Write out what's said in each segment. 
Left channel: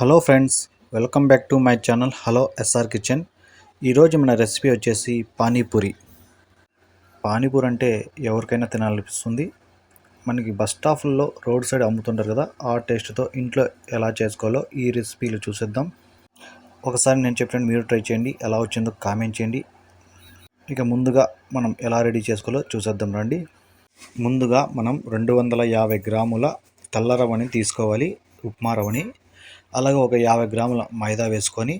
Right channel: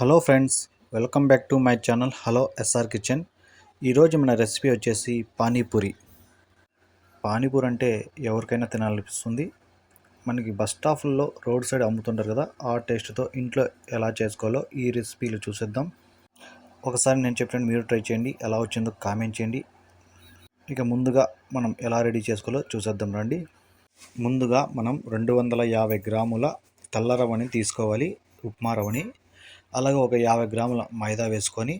Hello friends welcome back to my channel hello SR kitchen. ఈరోజు మన recipe వచ్చేసి పానీపూరి. పానీపూరి అంటే ఎవరికైనా తినాలనిపిస్తుంది. మనకి బస్ స్టాప్లో రోడ్ సైడ్ అమ్ముతుంటారు కదా ఆ టేస్ట్తో ఇంట్లో ఎలా చేసుకోవాలో ఈ రెసిపీలు చూసేద్దాం. ఒకసారి నేను చెప్పాను మీరు ట్రై చేయండి ఎలా వచ్చిందో కామెంట్ చేయండి. ఇక ముందుగా మనం ఎలా రెడీ చేసుకోవాలో చూసేద్దాం రండి. ముందుగా మనం రెండు వందల యాభై గ్రాముల తెల్ల రవ్వని తీసుకోవాలి ఉప్మా రవ్వని. అలాగే ఒక యాభై గ్రాముల మైదా వేసుకొని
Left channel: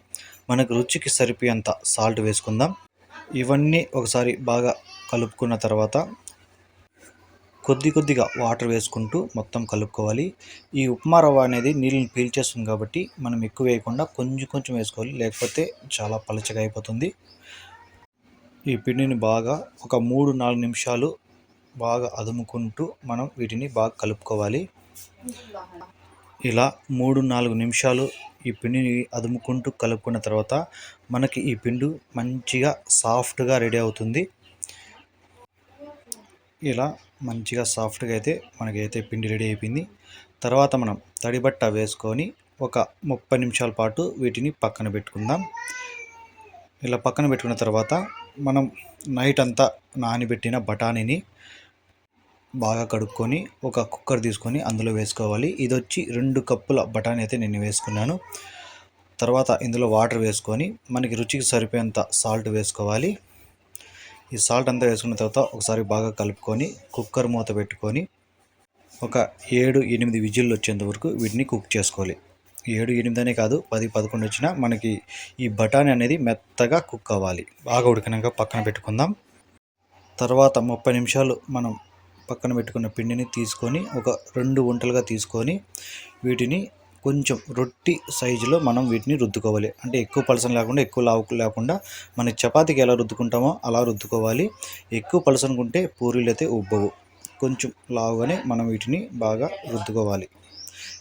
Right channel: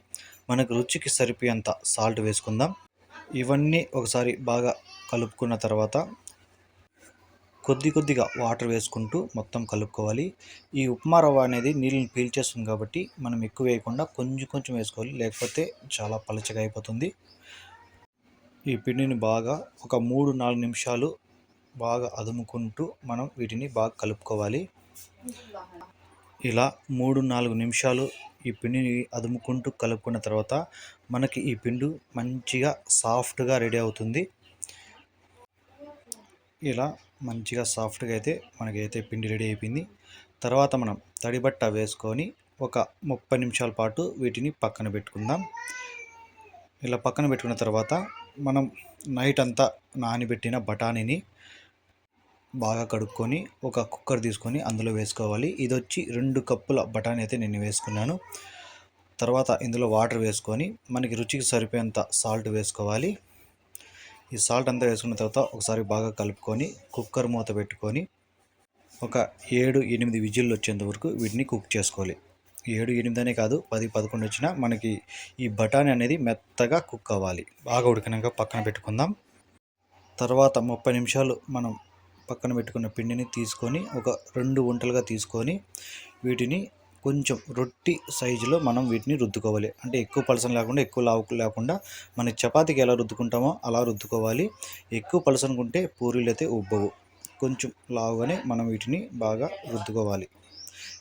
మనకు రుచికి సరిపోయేంత సాల్ట్ వేసుకుందాం. ఇవన్నీ ఒకసారి బాగా కలుపుకున్న తర్వాత కొద్ది కొద్దిగా వాటర్ వేసుకుంటూ మొత్తం కలుపుకోవాలి. ఈ ఉప్మా రవ్వ అనేది నీళ్ళని పీల్చేస్తుంది కాబట్టి మనం ఎక్కువ వేయకుండా కొంచెం కొంచెం వేసుకోవాలి. లేకపోతే చాలా పలచగా అయిపోతుంది. ఈ పిండిని బాగా ఒక మూడు నాలుగు నిమిషాలు బాగా అదుముకుంటూ మనం వీటిని బాగా కలుపుకోవాలి. ఇలా మూడు నాలుగు నిమిషాలు ఈ పిండిని అదుముకుంటూ కలుపుకున్న తర్వాత మనకి ఈ పిండి మంచిగా సాఫ్ట్గా రెడీ అవుతుంది. ఇలా మంచిగా సాఫ్ట్గా అయితే మనకైతే పిండి రెడీ అయిపోయింది. తర్వాత మనం తడిబట్ట వేసుకొని ఒక ముప్పై నిమిషాల పాటు వీటిని పక్కన పెట్టుకుందాం. ఇలా పక్కన పెట్టుకున్న తర్వాత మనం నైట్ అంతా నానబెట్టిన బఠానీని బాగా కడుక్కొని ఒక కుక్కర్ తీసుకొని అందులో వేసుకోవాలి. ఇది వచ్చి రెండు కప్పుల బఠానీ అయితే నేను వేసుకున్నాను. తర్వాత ఇందులో వాటర్ వేసుకొని మనకి రుచికి సరిపోయేంత సాల్ట్ వేసుకోవాలి. ఈ సాల్ట్ అంతా వేసుకున్న తర్వాత ఒకసారి బాగా కలుపుకొని కుక్కర్ మూత పెట్టుకొని ఒక ఏడు ఎనిమిది విజిల్లు వచ్చేంత వరకు వీటిని కుక్ చేసుకోవాలి. ఏడు ఎనిమిది అనే కాదు పది పదకొండు వచ్చినా మనకి ఈ బఠానీ అనేది మెత్తగా కుక్ అవ్వాలి. బాగా ఉడికినాక పక్కన పెట్టుకుందాం. తర్వాత ముప్పై నిమిషాలు మనం పక్కన పెట్టుకున్న పిండిని తీసుకొని ఒక రెండు వంటలుగా తీసుకొని వీటిని కొంచెం రొట్టి సైజులో మనం వీటిని రుద్దుకోవాలి. అంటే ఎక్కువ పలసన లేకుండా ఎక్కువ లావు లేకుండా మన చపాతీకి ఎలా రుద్దుకుంటామో అలా రుద్దుకోవాలి. ఎక్కువ పలసనుకుంటే పూరీలు అయితే ఉబ్బవు. కొంచెం లావుగానే మనం వీటిని బాగా రుద్దుకోవాలి.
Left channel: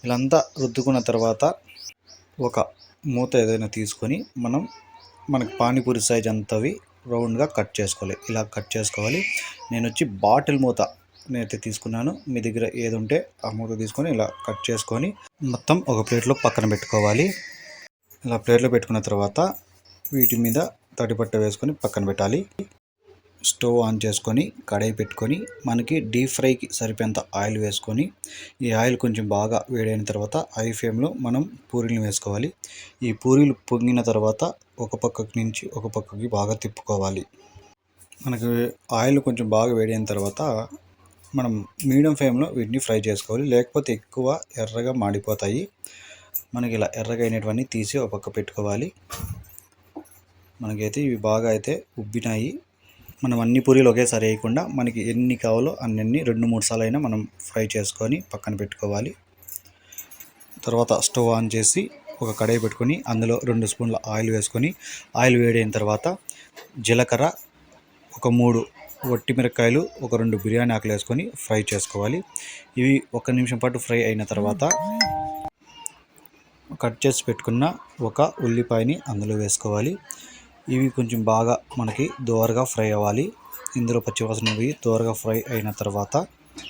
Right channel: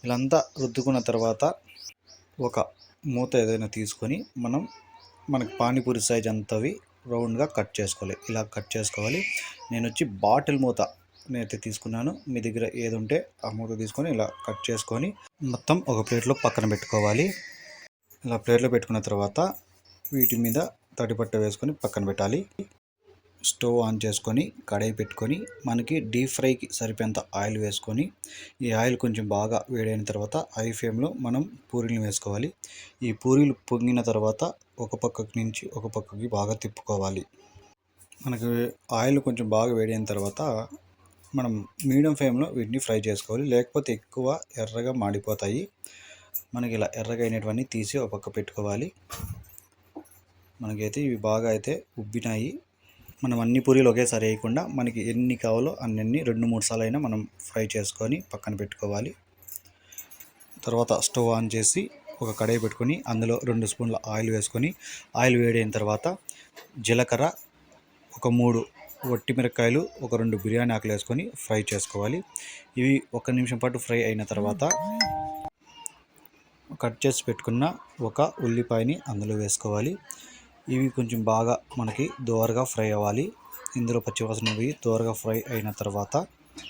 ఇలాంతా రుద్దుకున్న తర్వాత ఒక మూత ఏదైనా తీసుకొని మనం మనకి పానీపూరి సైజ్ అంతవి రౌండ్గా కట్ చేసుకోవాలి. ఇలా కట్ చేసుకోవాలి. నేను వచ్చి బాటిల్ మూత నేనైతే తీసుకున్నాను. మీ దగ్గర ఏది ఉంటే ఆ మూత తీసుకొని ఇలా కట్ చేసుకొని మొత్తం ఒక ప్లేట్లో పక్కన పెట్టుకోవాలి. ఇలా ప్లేట్లో పెట్టుకున్న తర్వాత వీటి మీద తడిపట్ట వేసుకొని పక్కన పెట్టాలి. స్టవ్ ఆన్ చేసుకొని కడాయి పెట్టుకొని మనకి డీప్ ఫ్రైకి సరిపోయేంత ఆయిల్ వేసుకొని ఈ ఆయిల్ కొంచెం బాగా వేడైన తర్వాత హై ఫ్లేమ్లో మనం పూరీలు వేసుకోవాలి. ఈ పూరీలు పొంగిన తర్వాత ఒక పక్కకి నుంచి ఒక పక్కకి బాగా తిప్పుకోవాలి. మనకి ఆయిల్ కొంచెం బాగా వేడైన తర్వాత మనం మీడియం ఫ్లేమ్లో వీటిని ఫ్రై చేసుకోవాలి. లేకపోతే ఎక్కువ ఎర్రగా మాడిపోతాయి. మనకి ఇలా ఎర్రగా అయినటువంటి తీసి ఒక పక్క పెట్టుకోవాలి. మనకైతే ఇవి బాగా అయితే ఉబ్బినాయి. మనం అన్ని పూరీలు ఒకేసారి వేయకుండా మనకి ఎన్ని కావాలో అన్ని రెండు మూడు సార్లు అయినా మనం ఫ్రై చేసుకొని పక్కన పెట్టుకోవాలి. తర్వాత స్టవ్ ఆన్ చేసి ఒక కడాయి పెట్టుకొని అందులో రెండు స్పూన్ల ఆయిల్ వేసుకొని ఆయిల్ వేడైన తర్వాత జీలకర్ర ఒక మూడు వట్టి మిరపకాయలు ఒక రెండు బిర్యానీ ఆకులు వేసుకొని ఫ్రై చేసుకోవాలి. ఇవి ఒక నిమిషం పాటు ఫ్రై అయిన తర్వాత కట్ చేసి పెట్టుకున్న ఒక ఉల్లిపాయని అందులో వేసుకోవాలి. ఇవి కొంచెం బాగా మనకి దోరగా ఫ్రై అవ్వాలి. ఇందులో పచ్చివాసన పోయి దోరగా ఫ్రై అయిన తర్వాత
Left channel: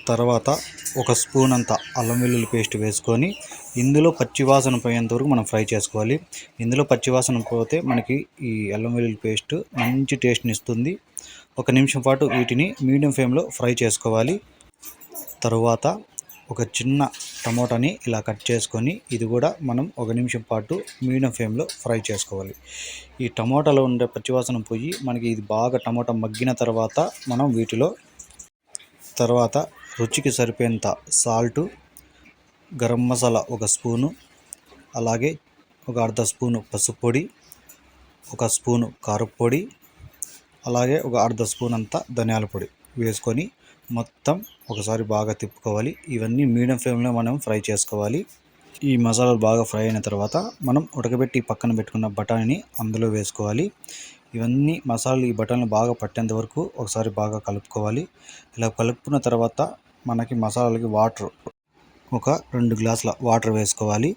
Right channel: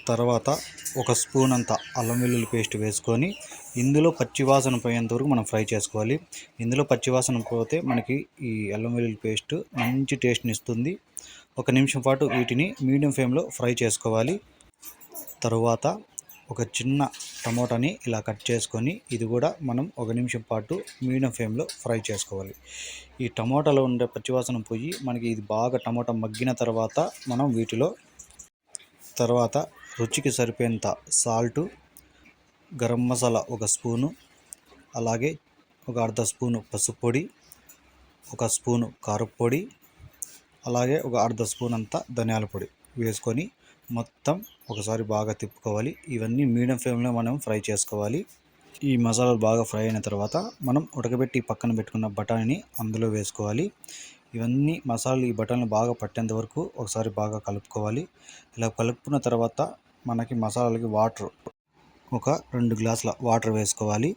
తర్వాత ఒక స్పూన్ అంత అల్లం వెల్లుల్లి పేస్ట్ వేసుకొని ఇందులో పచ్చివాసన పోయేంత వరకు మనం ఫ్రై చేసుకోవాలి. ఇందులో పచ్చివాసన పోతే మనకి ఈ అల్లం వెల్లుల్లి పేస్ట్ మంచి టేస్ట్ని ఇస్తుంది. ఒక నిమిషం పాటు వీటిని మీడియం ఫ్లేమ్లో ఫ్రై చేసుకోవాలి. తరువాత ఒక చిన్న టమోటాని ఇలా కట్ చేసుకొని ఇది కూడా మనం ఒక నిమిషం పాటు మీడియం ఫ్లేమ్లో ఫ్రై చేసుకోవాలి. ఈ టమోటాలో ఉండే పచ్చివాసన పోయి మనకి ఇది బాగా టమోటా మగ్గిన తర్వాత మనం వీటిలో తర్వాత రుచికి సరిపోయేంత సాల్టు గరం మసాలా ఒక స్పూను అలాగే ఒక అర్ధ స్పూను పసుపు పొడి ఒక స్పూను కారపొడి అలాగే ఒక అర్ధ స్పూన్ అంతా ధనియాల పొడి వేసుకొని మొత్తం ఒకసారి బాగా తిప్పుకోవాలి. ఇవన్నీ మీడియం ఫ్లేమ్లో మనం ఫ్రై చేసుకోవాలి. ఈ మసాలాలు బాగా ఫ్రై అయిన తర్వాత మనం ఉడకబెట్టి పక్కన పెట్టుకున్న బఠానీని అందులో వేసుకోవాలి. ఇవన్నీ మసాలాలు ఈ బఠానీలు బాగా పట్టేంత వరకు ఒకసారి బాగా కలుపుకోవాలి. ఇలా కలుపుకున్న తర్వాత మనకి మసాలాలకి వాటర్ ఒక రెండు గ్లాసుల వాటర్ వేసుకోవాలి.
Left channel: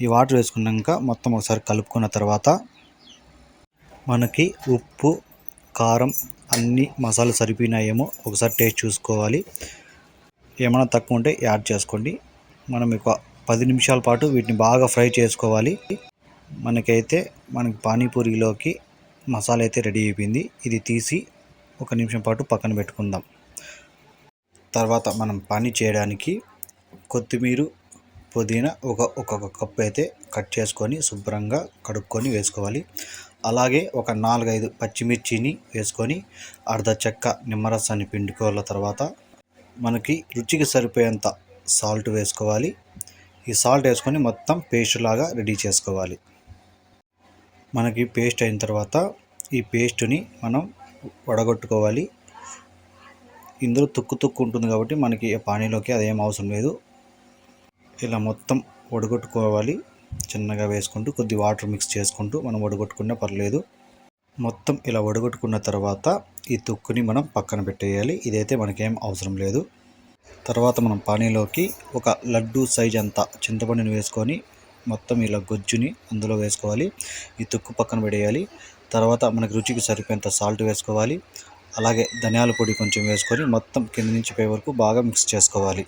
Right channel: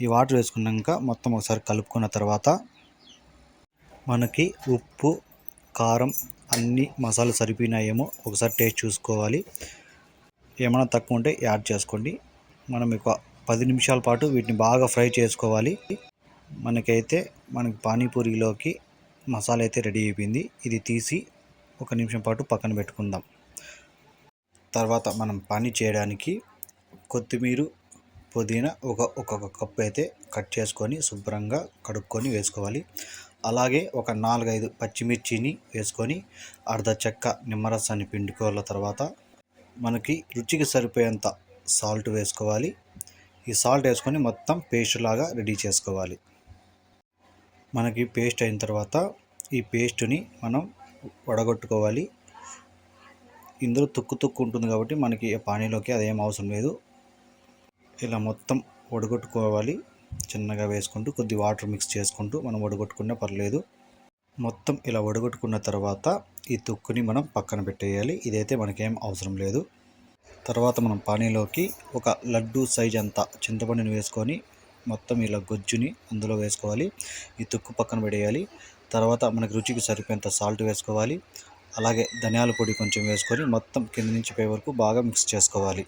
ఈ వాటర్ వేసుకున్నాక మొత్తం ఒకసారి కలుపుకున్న తర్వాత మనకి ఉప్పు కారం అన్ని మసాలా సరిపోయినాయేమో ఒకసారి టేస్ట్ చూసుకోవాలి. ఏమైనా తక్కువ ఉంటే యాడ్ చేసుకోండి. మనం ఎక్కువ పది నిమిషాల పాటు వీటిని బాగా ఫ్రై చేసుకోవాలి. మనకైతే మనకి పానీపూరిలోకి మసాలా అయితే రెడీ అయిపోయింది. ఇది తీసి ఒక నిమిషం పాటు పక్కన పెట్టుకుందాం. తర్వాత మనం పానీ చేయడానికి కొత్తిమీర పుదీనా ఒక ఒక్కొక్క కప్పు అయితే కట్ చేసుకొని శుభ్రంగా కడుక్కొని వేసుకోవాలి. అలాగే ఒక నాలుగైదు పచ్చిమిర్చిని వేసుకొని అర్ధ చెక్క నిమ్మరసాన్ని పిండుకోవాల తర్వాత మనకి రుచికి సరిపోయేంత సాల్ట్ వేసుకోవాలి. ఈ సాల్ట్ వేసుకొని మొత్తం పేస్ట్ లాగా రెడీ చేసుకోవాలి. మనకి పేస్ట్ అయిన తర్వాత ఈ పేస్ట్ని మనం వడగొట్టుకోవాలి. ఇందులో తుక్కు తుక్కు ఉంటుంది కాబట్టి మనకి పానీలోకి అదేం అవసరం లేదు. ఇలా మొత్తం వడగొట్టుకోవాలి. చిన్నగా వేసుకుంటూ కొద్ది వాటర్ మిక్స్ చేసుకుంటూ మనం వడగొట్టుకున్నా పర్లేదు. మొత్తం ఇలా వడగొట్టుకున్న తర్వాత ఈ తొక్కుని మనం పక్కన పెట్టేయాలి. ఇదైతే మనకేం అవసరం లేదు. తర్వాత మనం పానీలోకి ఒక లడ్డు సైజ్ అంతా చింతపండుని వేసుకొని మొత్తం ఇలా గొజ్జుని అందులో వేసుకోవాలి. ఈ తొక్కు పక్కన పెట్టేయాలి. తర్వాత మనకి రుచికి సరిపోయేంత సాల్ట్ వేసుకోవాలి. అలాగే ధనియాల పొడి కొంచెం వేసుకొని మొత్తం కింద నుంచి పై వరకు బాగా మిక్స్ చేసుకోవాలి.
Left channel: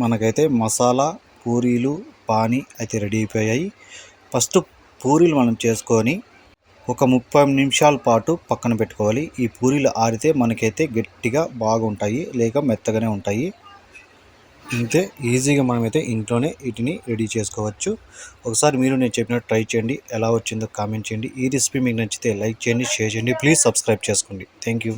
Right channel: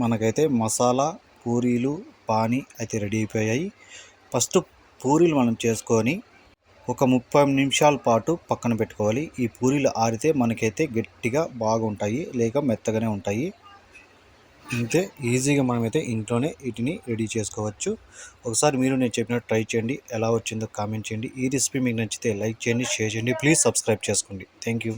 మనకైతే మసాలా పూరీలు పానీ అయితే రెడీ అయిపోయాయి. ఫస్ట్ పూరీలు మనం చేసుకొని ఒక ముప్పై నిమిషాల పాటు పక్కన పెట్టుకోవాలి. ఈ పూరీలు ఆరితే మనకైతే గట్టిగా బాగుంటాయి లేక మెత్తగానే ఉంటాయి. అంతే ఈజీగా మనమైతే ఇంట్లోనే వీటిని రెడీ చేసుకోవచ్చు. ఒకసారి మీరు నేను చెప్పినట్టు ట్రై చేయండి. ఎలా వచ్చిందో కామెంట్ చేయండి. ఈ రెసిపీ మీకు నచ్చితే లైక్ చేయండి షేర్ చేయండి. ప్లీజ్ సబ్స్క్రైబ్ చేసుకోండి. Thank you.